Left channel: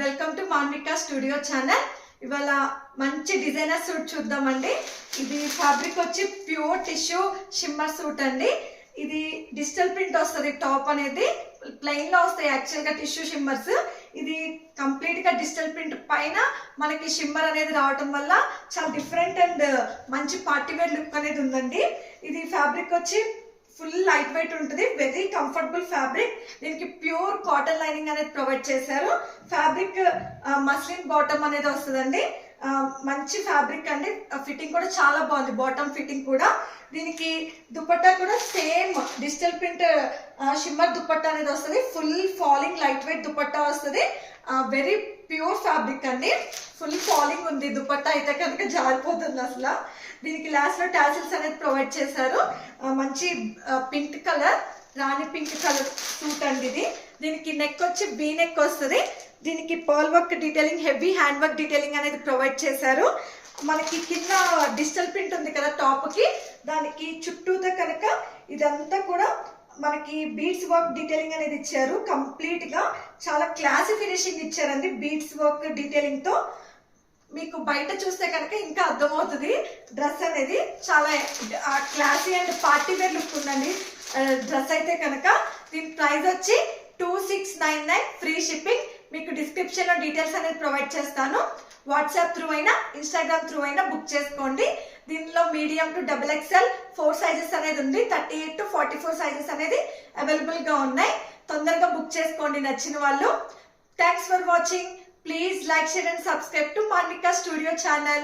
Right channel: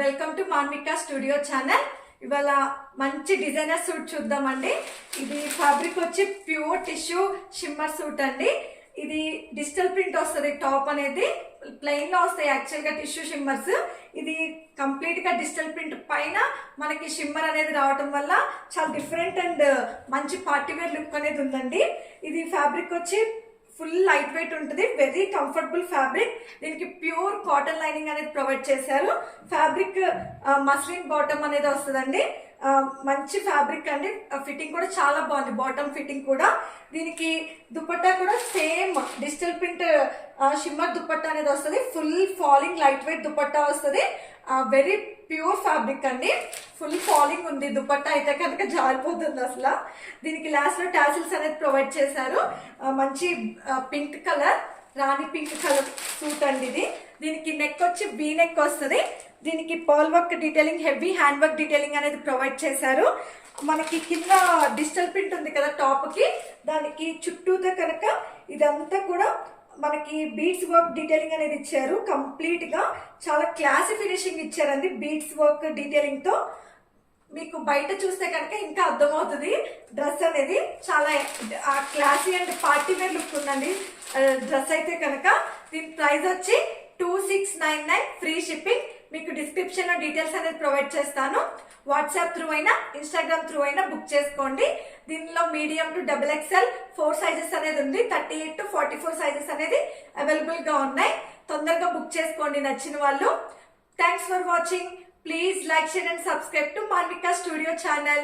Welcome to Manvika studio channel. ఇవాళ మంచి designer suit చూద్దామండి. ఇది ఫ్యాబ్రిక్ వచ్చి ప్యూర్ టిష్యూ షిమ్మర్ సూట్ అండి. ఇది డిజిటల్ ప్రింట్ వస్తుంది. టాప్ అనేది ప్లెయిన్ లో వస్తాయి యాక్చువల్ గా టిష్యూ షిమ్మర్స్. ఇది కంప్లీట్ గా డిజిటల్ ప్రింట్ పైన మనకి షిమ్మర్ అనేది రావటం వల్ల చాలా డిఫరెంట్ అండ్ మంచి పార్టీ వేర్ లుక్ అనేది ఉందండి. ఇది ఫ్యాబ్రిక్ వచ్చి ఫుల్ లైట్ వెయిట్ ఉంటుంది, వెరీ కంఫర్టబుల్ ఫ్యాబ్రిక్. దీనికి ప్యూర్ కాటన్ లైనింగ్ అనేది ప్రొవైడ్ చేశారు. ఫ్యాబ్రిక్ మస్లిన్ బాటమ్ అనేది వస్తుందండి. మంచి ఫ్యాబ్రిక్ అండి. ఫిట్టింగ్ కూడా చాలా బాగుంది, బాటమ్ ఫిట్టింగ్ కూడా. దీనికి దుపట్టా కూడా same digital print shimmer dupatta అనేది వస్తుంది. Full falling light weight dupatta వస్తుంది. వెరీ ప్యూర్ ఫ్యాబ్రిక్ అండి. ఫుల్ ఫాలింగ్ ఉంది. దుపట్టా అయితే కనుక జారిపోతుంది అసలు. దీనికి లాస్ట్ లో టాసిల్స్ అనేది ప్రొవైడ్ చేశారు. మంచి పింక్ కలర్, రాణి పింక్ కలర్ సూట్ అండి ఇది. దీనికి నెక్ వచ్చి బీ నెక్ వస్తుంది. దీనికి pearl work detailing, heavy hand work detailing అనేది ప్రొవైడ్ చేశారు. మనకి కింద డిజిటల్ ప్రింట్ ఉంది కదా టాప్ కి, దానికి చుట్టూతో కనుక ఇదంతా కూడా మనకి బీడ్స్ వర్క్ డీటెయిలింగ్ అనేది ఇచ్చారు. కంప్లీట్ గా చాలా క్లాసీ ఫినిషింగ్ ఇచ్చారండి బీడ్స్ వర్క్ డీటెయిలింగ్ తో. మీకు బయట చూస్తే కనుక ఇంకా అర్థమవుతుంది. డ్రెస్ అనేది చాలా classy and party wear look ఉందండి డ్రెస్ అయితే కనుక. దీని ప్రైస్ వచ్చి 2699, ఫ్రీ షిప్పింగ్. మీకు డిస్క్రిప్షన్ లో డీటెయిల్స్ అనేది ప్రొవైడ్ చేస్తాను. వాట్సాప్ త్రూ అయినా ఇన్స్టాగ్రామ్ త్రూ అయినా బుక్ చేసుకోండి. దీనిలో మీడియం టు XXL 4 సైజెస్ అనేది ఉంది. 38 to 44 సైజెస్ అనేది అవైలబుల్ గా ఉన్నాయి. తొందరగా బుక్ చేసుకోండి నచ్చిన వాళ్ళు. Thanks for watching. Please like, share and subscribe to Manika Studio channel.